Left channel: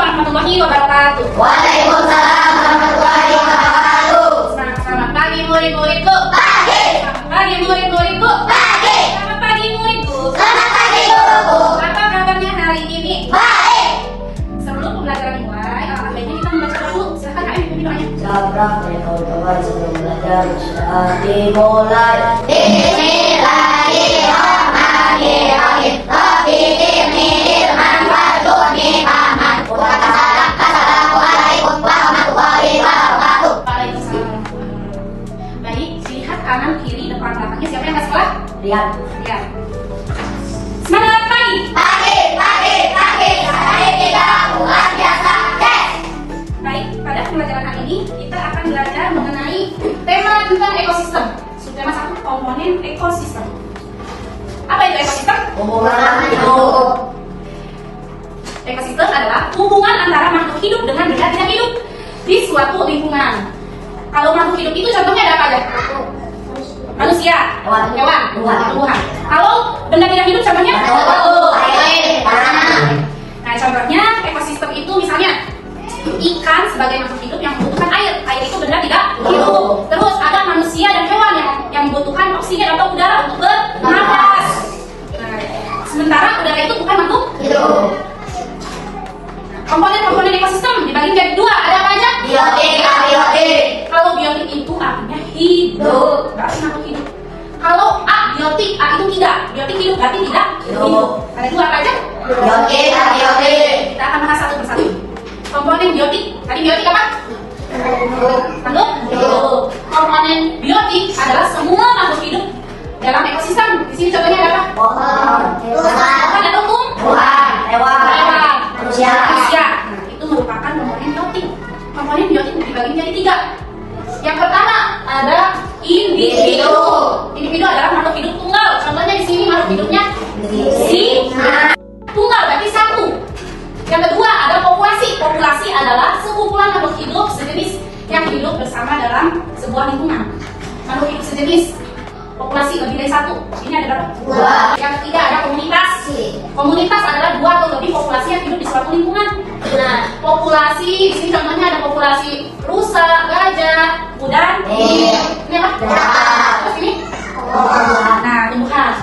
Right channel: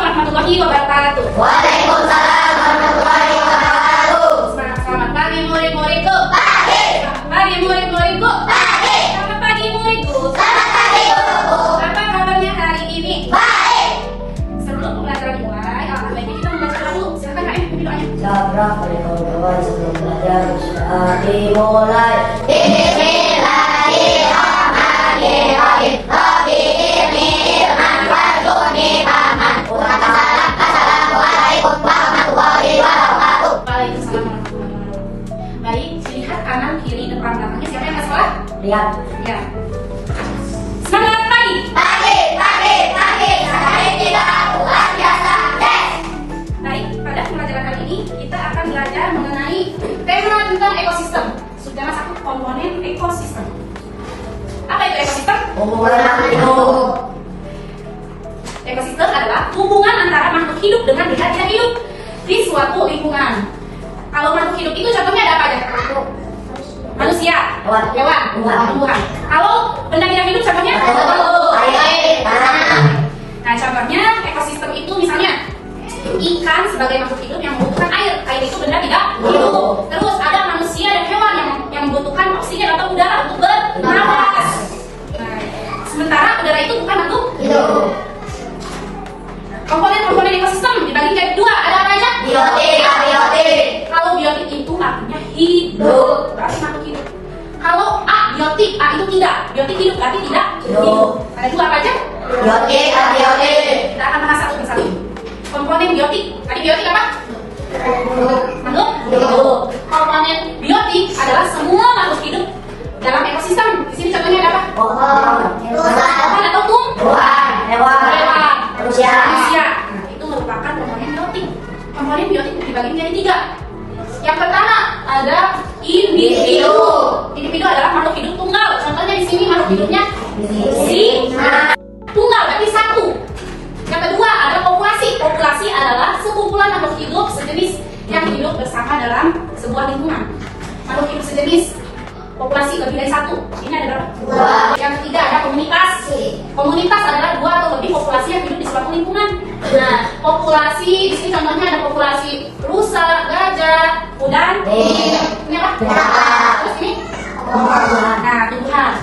warahmatullahi wabarakatuh. Waalaikumsalam warahmatullahi wabarakatuh. Selamat pagi murid-muridku. Pagi. Selamat pagi murid-muridku. Pagi. Selamat pagi muridku. Selamat pagi guruku. Apa kabarnya hari ini? Baik. Sebelum pembelajaran dimulai, alhamdulillah kita membaca dulu. Silakan Kak, minum aja. Sabrah dari kawan-kawan sebelum belajar dimulai. Bismillahirrahmanirrahim. Assalamualaikum warahmatullahi wabarakatuh. Waalaikumsalam warahmatullahi wabarakatuh. Baik, lihat kanan, kiri, depan, belakangnya. Siapa yang ke sekolah? Lihat. Lihat. Semangat pagi. Pagi. Hari kita luar biasa. Baik, pada pembelajaran kali ini kita akan belajar mengenai tema tentang ekosistem. Subtema 1, komponen ekosistem. Apa itu ekosistem? Hubungan hidup. Ekosistem adalah hubungan antara makhluk hidup dengan benda tidak hidup di suatu lingkungan. Kalau makhluk hidup itu contohnya ada apa aja? Manusia, Hewan. tumbuhan. Kalau benda tidak hidup contohnya? Air, tanah. Nah, contohnya ekosistem itu misalnya ikan sebagai makhluk hidup yang membutuhkan air. Air itu benda tidak hidup. Terus ada manusia dan hewan yang membutuhkan oksigen atau udara untuk bernapas. Nah, sementara udara itu bukan makhluk Hidup. Komponen ekosistem dibagi menjadi dua. Ada apa aja? Biotik. Kalau biotik itu artinya hidup, berarti makhluk hidup. Kalau abiotik, A itu tidak. Biotik hidup berarti tidak hidup. Ada dua apa aja? Biotik. Kita akan bahas satu persatu. Komponen biotik. Tadi biotik apa? Makhluk hidup. Komponen biotik adalah semua makhluk hidup dalam ekosistem. Di sini contohnya ada apa? Pohon. Kan ada tumbuhan, Hewan. manusia. Nah, itu merupakan komponen biotik. Komponen biotik dibagi menjadi tiga. Yang pertama ada individu. Individu adalah makhluk hidup tunggal. Contohnya di sini makhluk hidupnya singa. Tunggal berarti satu. Yang kedua ada populasi. Populasi adalah sekumpulan makhluk hidup sejenis yang hidup bersama dalam sebuah lingkungan. Makhluk hidup sejenis. Populasi lebih dari satu. Ini ada berapa? Dua. Yang ketiga ada komunitas. Komunitas adalah dua atau lebih populasi yang hidup di suatu lingkungan. Nah, populasi di sini contohnya ada populasi rusa, gajah, kuda, ini apa? Terus ini? Nah, tumbuhan.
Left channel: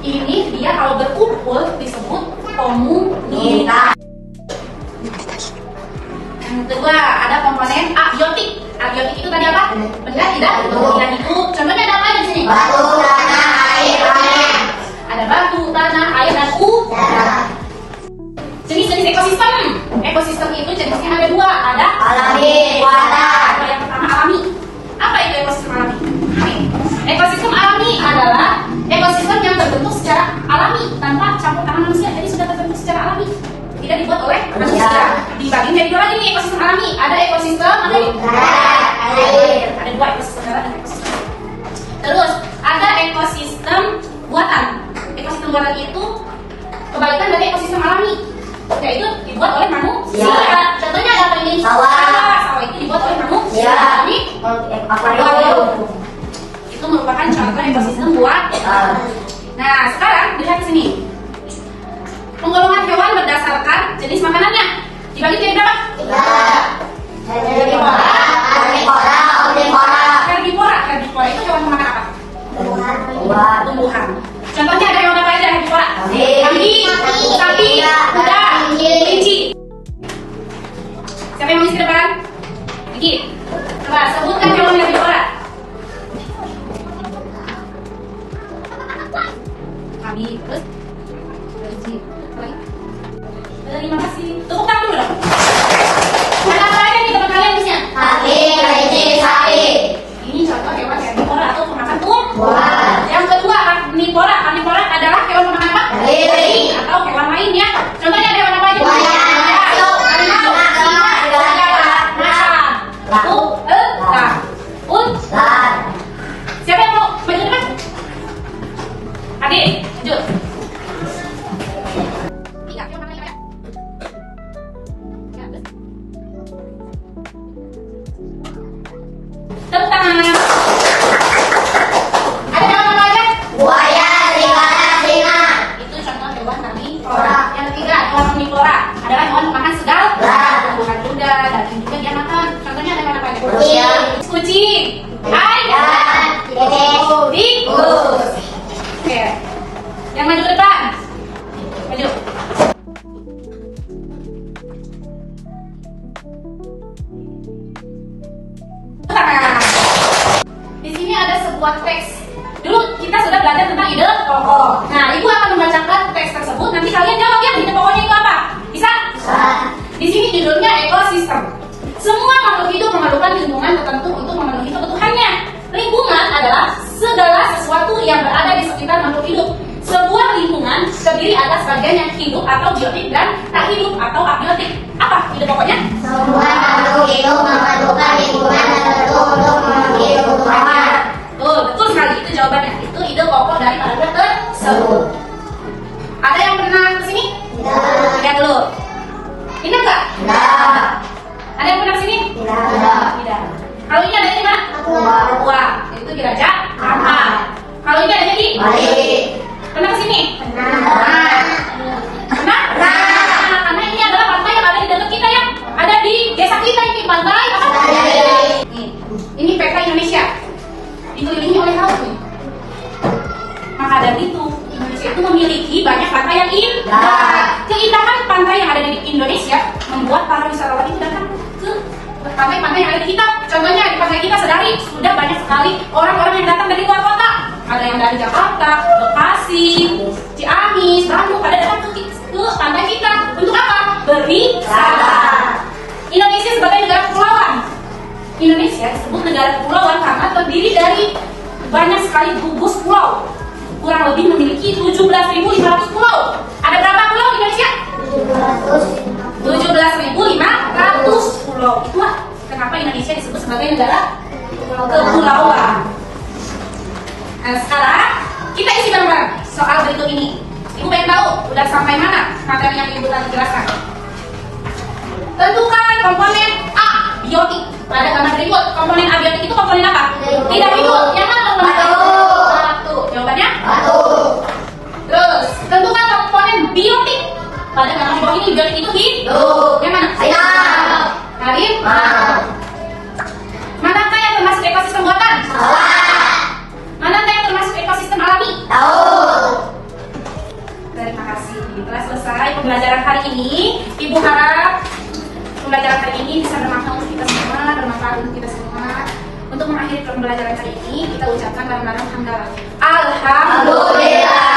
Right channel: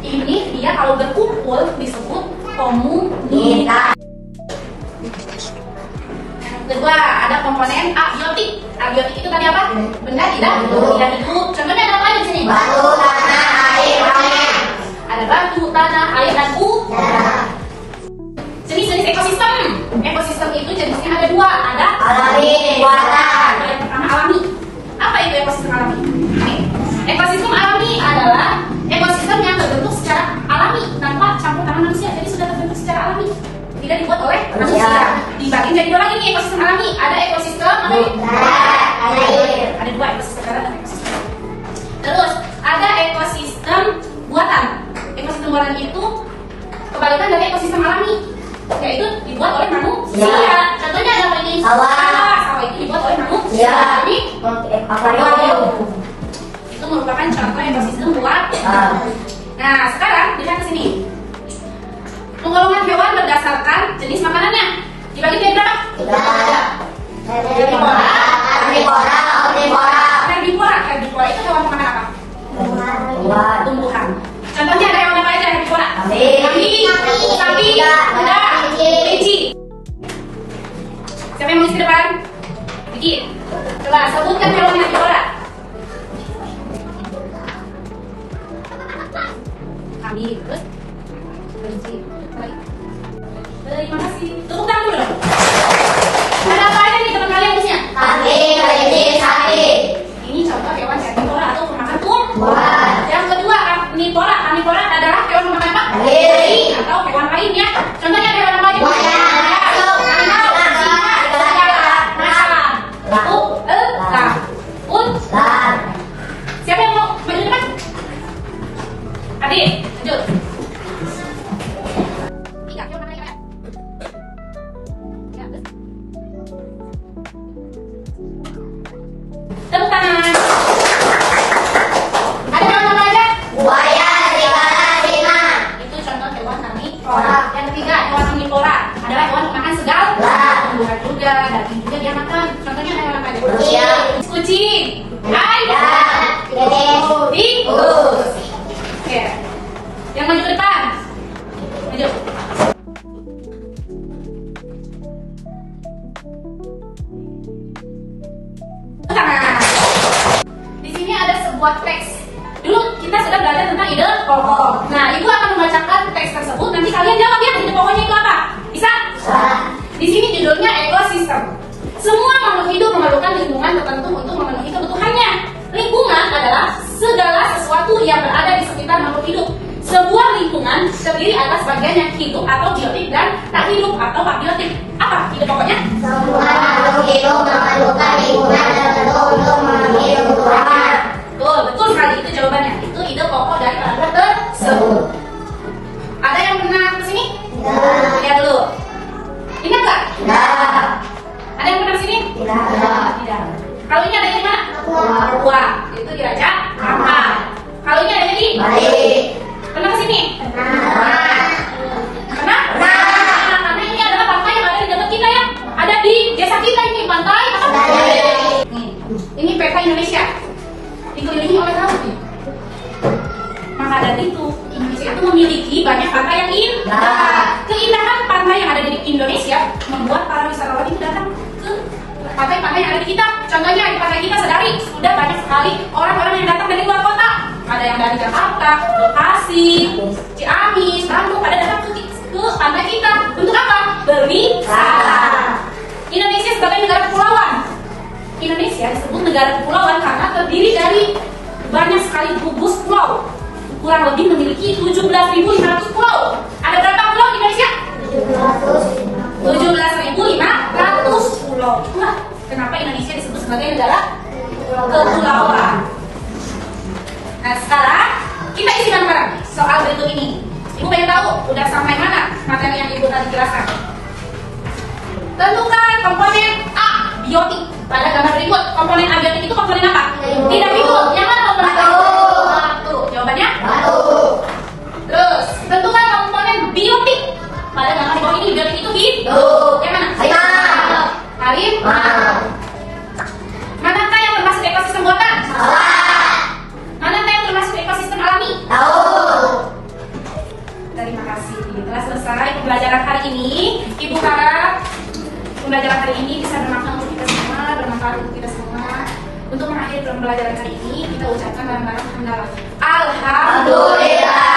Ini dia kalau berkumpul disebut komunitas. Yang kedua ada komponen abiotik. Abiotik itu tadi apa? Benda tidak hidup. Contohnya ada apa aja di sini? Batu, tanah, air, tanah. Ada batu, tanah, air, dan udara. Jenis-jenis ekosistem. Ekosistem itu jenisnya ada dua. Ada Alami, buatan. Yang pertama alami. Apa itu ekosistem alami? Ekosistem alami adalah ekosistem yang terbentuk secara alami tanpa campur tangan manusia. Jadi sudah terbentuk secara alami, tidak dibuat oleh manusia. Dibagi menjadi dua lagi nih ekosistem alami. Ada ekosistem apa ini? Ada dua ekosistem. Terus ada ekosistem buatan. Ekosistem buatan itu kebalikan dari ekosistem alami, yaitu dibuat oleh manusia. Contohnya ada apa ini? Sawah. Sawah itu dibuat oleh manusia. Jadi Akuarium. itu merupakan contoh ekosistem buatan. Nah, sekarang lihat sini. Penggolongan hewan berdasarkan jenis makanannya. Dibagi jadi berapa? Herbivora, omnivora. Herbivora itu hewan pemakan apa? Tumbuhan. Contohnya ada hewan apa aja herbivora? Kambing, sapi, kuda, kelinci. Siapa yang mau isi depan? Gigi. Coba sebutkan hewan herbivora. Kambing, terus kelinci. Baik. Terima kasih. Tepuk tangan dulu dong. Ada apa aja nih teman kalian busnya? Kambing, kelinci, sapi. Ini contoh hewan herbivora atau pemakan tumbuhan. Buah. Yang kedua, karnivora. Karnivora adalah hewan pemakan apa? Daging. Atau hewan lainnya. Contohnya ada hewan apa aja? Buaya, Ayam, singa, macan, Lar. siapa yang mau maju depan? Adik, maju. Tiga, hewan apa lagi? Tepuk tangan. Ada hewan apa aja? Buaya, serigala, singa. Itu contoh hewan karnivora. Yang ketiga, hewan omnivora adalah hewan pemakan segala. tumbuhan juga, daging juga dia makan. Contohnya ada apa aja? Kucing. Ayam. Tikus. Oke. Yang maju ke depan. Maju. Di sini ada sebuah teks. Dulu kita sudah belajar tentang ide pokok. Nah, Ibu akan membacakan teks tersebut. Nanti kalian jawab ya ide pokoknya itu apa? Bisa? Di sini judulnya ekosistem. Semua makhluk hidup memerlukan lingkungan tertentu untuk memenuhi kebutuhannya. Lingkungan adalah segala sesuatu yang berada di sekitar makhluk hidup. Sebuah lingkungan terdiri atas bagian yang hidup atau biotik dan tak hidup atau abiotik. Apa ide pokoknya? Semua makhluk hidup memerlukan lingkungan tertentu untuk memenuhi kebutuhannya. Betul sekali, itu jawabannya. Itu ide pokok dari paragraf tersebut. Ada yang pernah kesini? Lihat dulu. Ingat nggak? Ada yang pernah kesini? Tidak. Kalau ini ada yang mana? Papua. Itu diraja Ampat. Kalau ini ada di? Bali. Pernah kesini? Pernah? Karena ini adalah pantai yang ada di dekat kita ya. Ada di desa kita ini, pantai apa? Ini peta Indonesia. Dikelilingi oleh laut. Maka dari itu Indonesia itu memiliki banyak pantai yang indah. Keindahan pantai yang ada di Indonesia membuat para wisatawan itu datang ke pantai-pantai yang ada di kita. Contohnya di pantai kita sedari sudah banyak sekali orang-orang yang datang dari luar kota. Ada yang dari Jakarta, Bekasi, Ciamis, Bandung, pada datang ke pantai kita. Untuk apa? Berwisata. Indonesia sebagai negara kepulauan. Indonesia disebut negara kepulauan karena terdiri dari banyak sekali gugus pulau. Kurang lebih memiliki 17.500 pulau. Ada berapa pulau di Indonesia? 17.500 pulau. Itulah kenapa Indonesia disebut sebagai negara kepulauan. Nah, sekarang kita isi bareng-bareng soal berikut ini. Ibu pengen tahu udah sampai mana materi yang Ibu tadi jelaskan. Tentukan komponen A, biotik. Pada gambar berikut, komponen abiotik itu komponen apa? Tidak hidup. Yang mana komponen batu? Jawabannya? Batu. Terus, tentukan komponen biotik. Pada gambar di bawah ini, biotik itu hidup. Yang mana? Ayam. Kalian? Manakah yang termasuk ekosistem buatan? Manakah yang termasuk ekosistem alami? Tahu. Terima kasih. Telah selesai pembelajaran hari ini. Ibu harap pembelajaran hari ini bisa bermanfaat untuk kita semua, Untuk mengakhiri pembelajaran hari ini, kita ucapkan bareng-bareng hamdalah. Alhamdulillah.